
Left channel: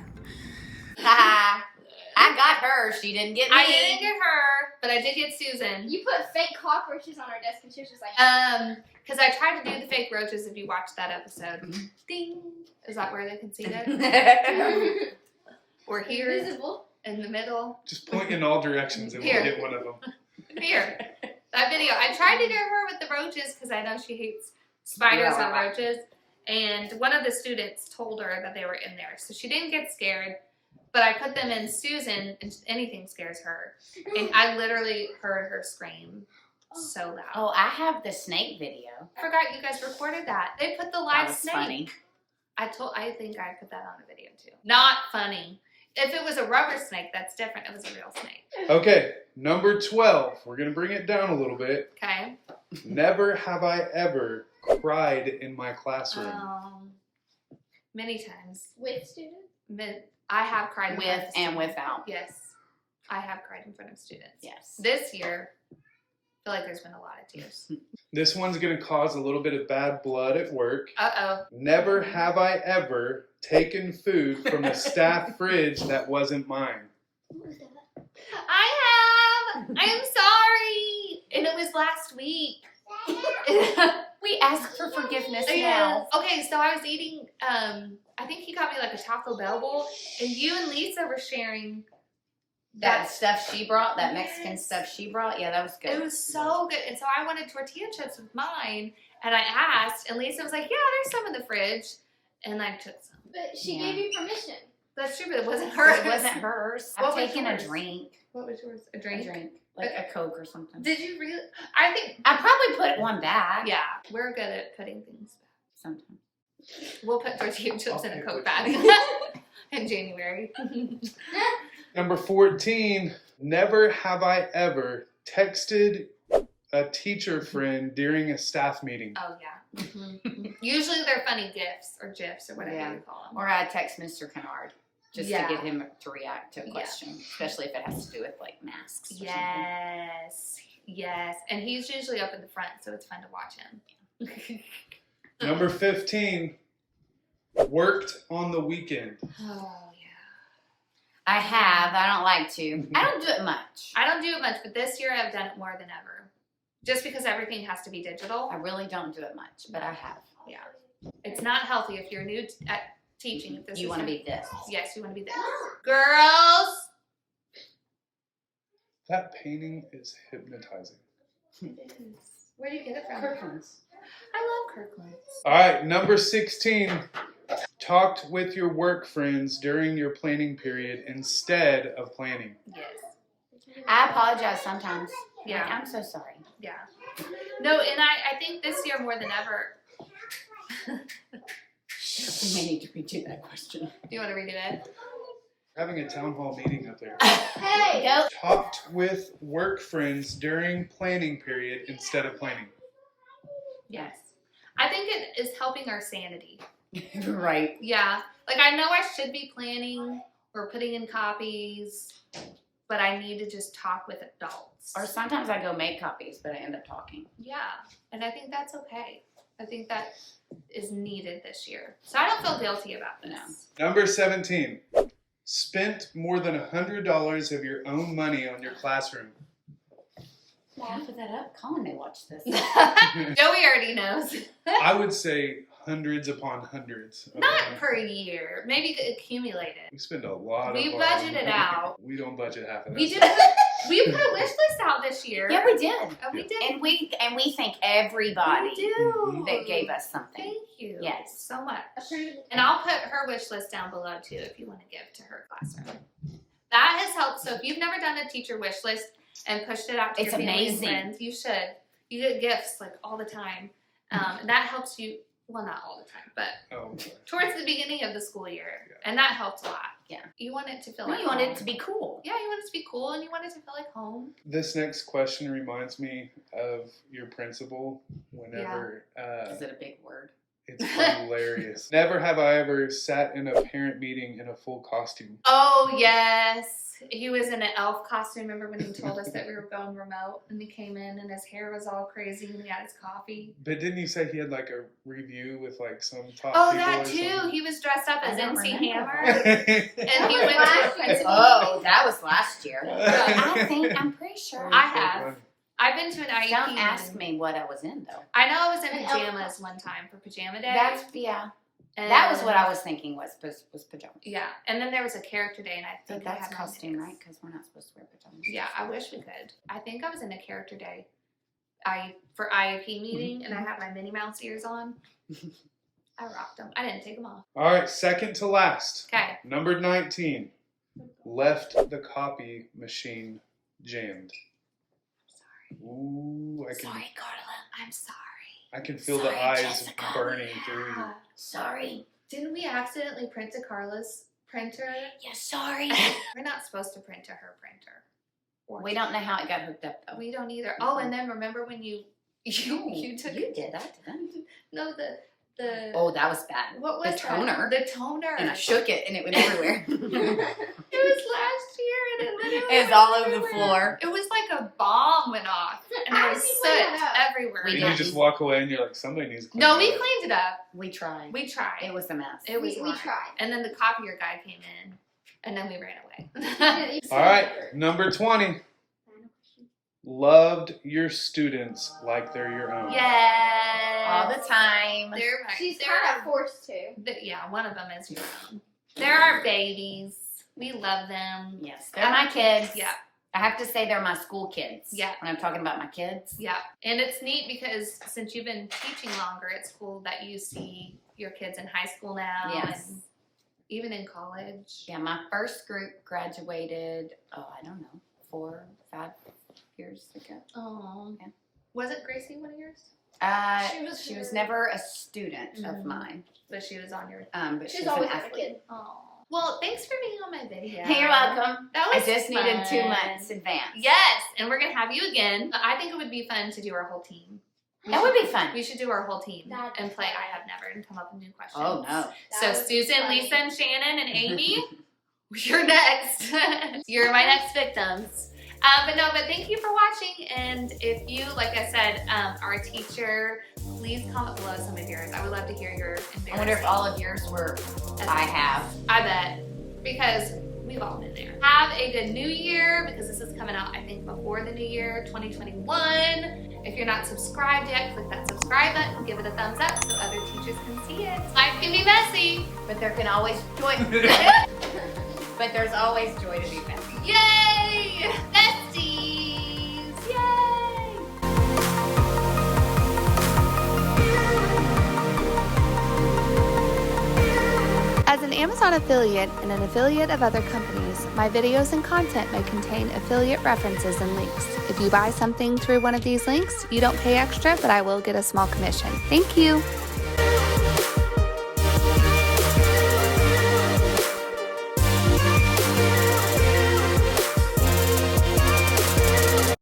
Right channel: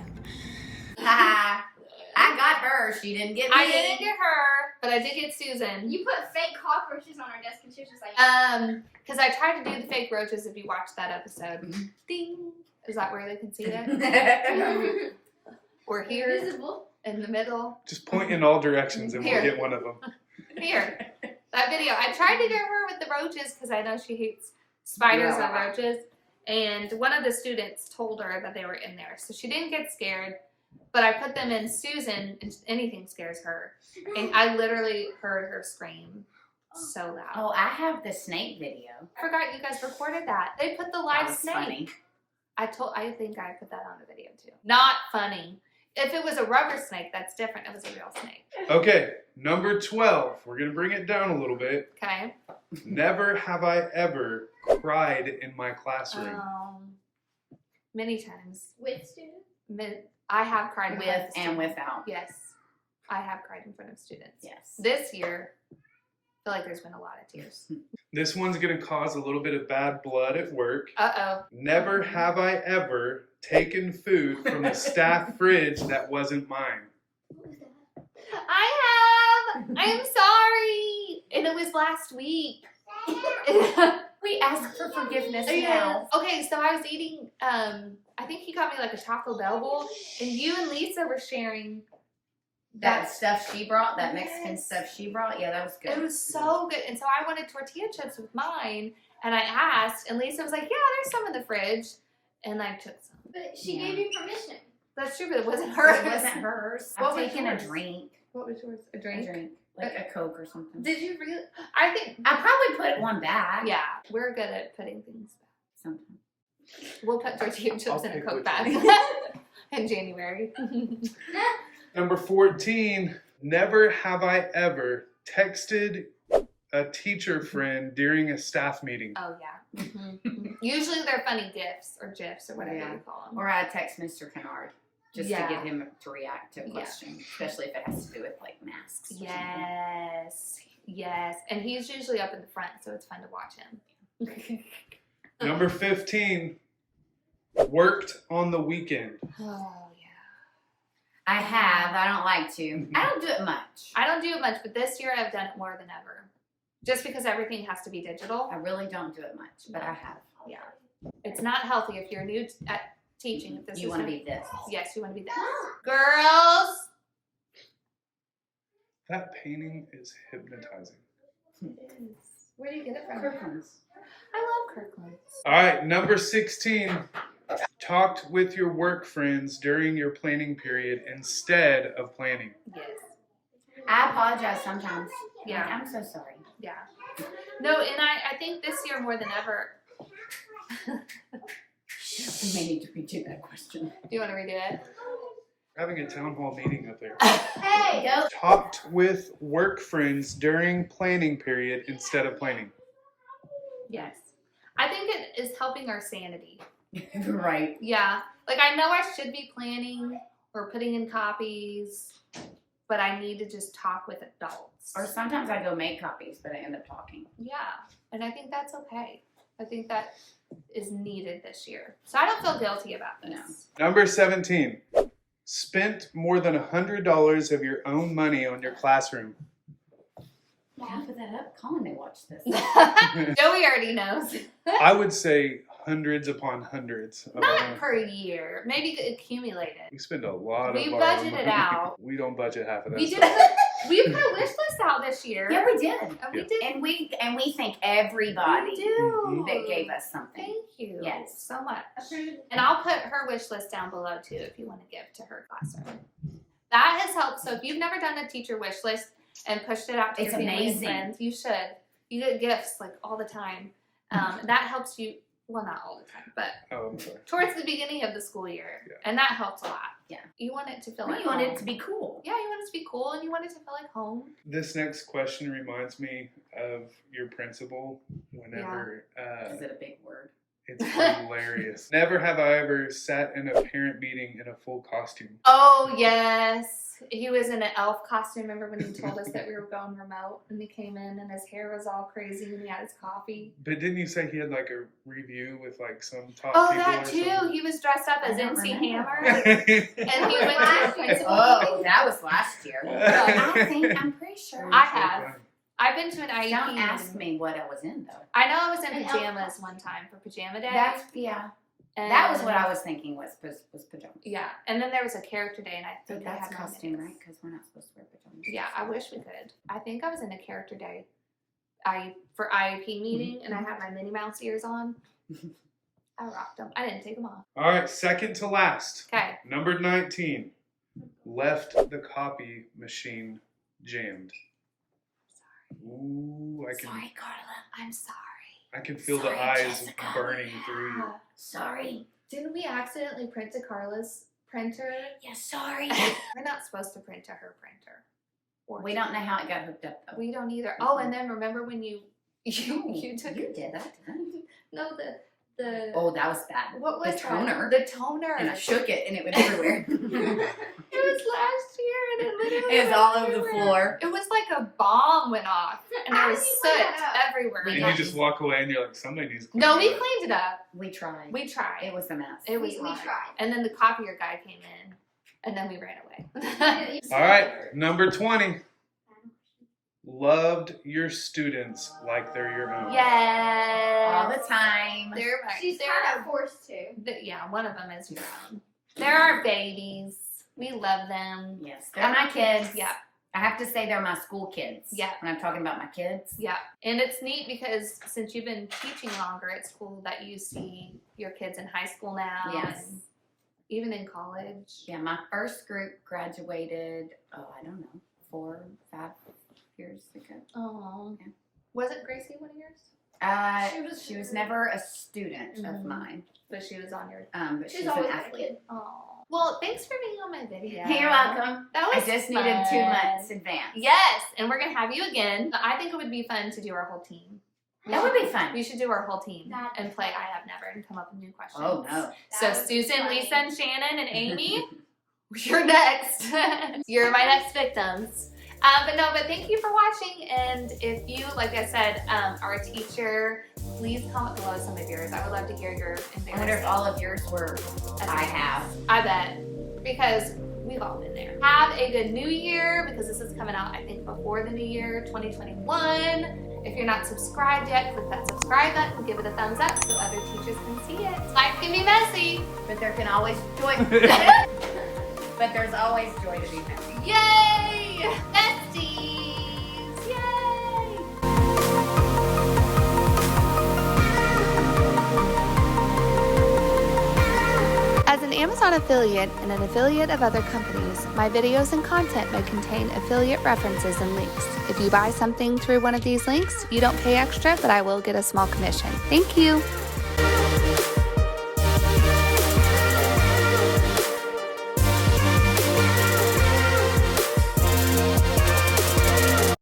I got her. She didn't get me. I didn't get her, but I did get Susan. You put fake cockroaches on our desk and she was just like, Because I tried to do the fake roaches. If you watched that episode, ding. Is that where they can see it? Or here invisible. in the middle. Just point in all directions and Here. we'll get one of them. Here, that video. I tried to get her with the roaches because I know she hates spiders and Yeah. roaches. And one of the students told her that they were in there, so she didn't get scared. But I put them in Susan, and anything scares her. And I literally heard her scream so loud. Oh, I have the snake video. I forgot you guys recorded that. They put the That live was snake. funny. I think I put that on a video too. Not funny. If it was a rubber snake, that's different. It was a real snake. Okay, number 12, we're going to bring it down a little bit. Okay. Never have I ever cried in my classroom. Many times. With students? I have cried in front of With and students. without. Yes. I have cried in front of students. Yes. This year, I feel like there's been a lot of tears. This one's going to cause a little bit of bad blood at work. Uh-oh. Never have I ever taken food from a staff fridge that wasn't mine. I have! I'm sorry! And it was last week. We ask for forgiveness now. Yeah. Okay, so I was eating, I think he got me like a Taco Bell bowl, and you and Lisa were sharing That stuff she brought, that Mexican stuff she brought, yeah, that was good. It was so good. And so I wanted tortilla chips with mine. And I asked, and Lisa was like, yeah, there's some in the fridge. And I took some. But she gave you permission. That's true, but it wasn't hers. It wasn't hers. What I'm was taking yours? a drink. What was yours? A A drink? drink. Like a Coke or something. Did you really? I think. I probably put one back. Yeah, we're good at putting things back. Sometimes. We'll put tortilla chips in a pick Coke which bag one. in January. Number 14, never have I ever texted a teacher friend during a staff meeting. Oh, yeah. Usually they're funny gifs or GIFs or whatever Yeah. you call them. Or I text Mr. Kennard just Yeah. to get him to react to a Yeah. question, especially if it has to do with like masks. Or something. Yes. And he's usually up in the front, so it's fun to watch him. Number 15, worked on the weekend. Oh, yeah. I have. I don't like to. I don't do it much. I don't do it much, but this year I've done it more than ever. Just because everything has to be digital. I really don't do it much, but I have. Yeah. It's not healthy if you're new at teaching. If this You is want to how- be this. Yes, you want to be this. Girls! That painting is hypnotizing. Where do you get it from? Kirkland's. I love Kirkland's. All right, number 16, talked with your work friends during your planning period instead of planning. Yes. I apologize sometimes. Yeah. Like, I'm so sorry. Yeah. No, and I think this year more than ever. We may need to redo that question. Do you want to redo it? Having a town hall meeting up there. Hey! Go. Talked with work friends during planning period instead of planning. Yes. I think it is helping our sanity. Right. Yeah. Like I know I should be planning or putting in copies, but I need to just talk with adults. Or sometimes I go make copies, but I end up talking. Yeah. And I think that's okay. I think that is needed this year. So I don't feel guilty about this. No. Number 17, spent more than $100 of your own money on your classroom. I'll put that up. Colin may watch this. Joey already knows. I would say hundreds upon hundreds. Of Not our- per year. Maybe accumulated. we spend a lot We of our budgeted money. out. We don't budget half of that We did stuff. we put a wish list out this year. Yeah, we did. Oh, we Yeah. did. And we thank everybody We do. Mhm. that gave us something. Thank you. Yes. So much. And I'll put her wish list down below too if you want to give to her classroom. That has helped. So if you've never done a teacher wish list and pushed it out to It's your family amazing. and friends, you should. You get gifts like all the time. And that helps you. Well, not all the time, but Oh, I'm sorry. towards the beginning of the school year. Yeah. And that helps a lot. Yeah. You want it to feel No, like you want home. it to be cool. Yeah, you want it to be cool and you want it to feel like home. This next question reminds me of your principal whenever Is it a big word? it's hilarious. Never have I ever sat in a parent meeting in a full costume. Oh, yes. He was in an elf costume. Remember when he told us that we were going remote and he came in and his hair was all crazy and he had his coffee? But didn't you say he had like a review with like some top Oh, people that or too. something? He was dressed up I as don't MC remember Hammer and and he went to a principal Oh, meeting. that was last year. I'm pretty sure. I have. I've been to an IEP Don't ask meeting. me what I was in though. I know I was in An elf pajamas one time for pajama day. That was what I was thinking was pajamas. Yeah. And then there was a character day and I But think I that's had costume, my right? Because we're not supposed to wear pajamas. Yeah, I wish we could. I think I was in a character day for IEP meeting and I had my Minnie Mouse ears on. I rocked them. I didn't take them off. All right, second to last. Okay. Number 19. Left the copy machine jammed. Ooh, I can Sorry, Carla. I'm sorry. I can feel Sorry, the eyes Jessica. burning through you. Sorry. Didn't we accidentally print to Carla's printer? Yeah, sorry. We're not supposed to print to her printer. Or We don't know how it got hooked up though. We don't either. Oh, and then remember when you No, took you did. I didn't. no the Oh, that was bad. what was the toner? that? The toner. And I shook it, and it went everywhere. It was last year, and it literally It was all went over the everywhere. floor. It was like a bomb went off, and there was How did you soot clean it up? everywhere. We And got you just walk away and you're like, somebody needs to clean No, it we up. cleaned it up. We tried. We tried. It was a mess. It was We hard. tried. And then the copier guy came in, and then we ran away. All right, number 20. Loved your students like they're your own. Yes. all the time. They're She's they're kind of forced to. yeah, one of them is your own. They're our babies. We love them. Yes, they're my kids. Yeah. I have to say they're my school kids. Yeah. When I'm talking about my kids. Yeah. And it's neat because since you've been teaching longer, it's cool that you see your kids in high school now. Yes. And even in college. Yeah, my first group graduated, I don't know, 4 or 5 years ago. Oh. Yeah. Wasn't Gracie one of yours? She was never a student of mine. But she was on your... but She's she's an always athlete. Oh. Well, thanks for being on my video. You're welcome. That I was just needed 2 fun. months advance. Yes, and we're going to have you again. I think it would be fun to do our whole team. That would be fun. We should do our whole team and play I Have Never and come up with new questions. Oh, no. So Susan, Lisa, and Shannon, and Amy, you're next. You're my next victims. But thank you for watching. And if you, like I said, are a teacher, please comment below some of yours. I would love to hear your embarrassing. I wonder if all of yours were I have. I bet, because we've all been there. Have a good new year, because this is coming out, I think, before the new year, 2021. If you're not subscribed yet, click that subscribe button, give it a thumbs up so other teachers can see it. Life can be messy, But there can always joy. But there's always joy to be found. yay! Besties! Yay! As an Amazon affiliate and an affiliate of other companies, my videos and content may contain affiliate references and links. If you buy something through one of these links, you don't pay extra, but I will get a small commission. Thank you!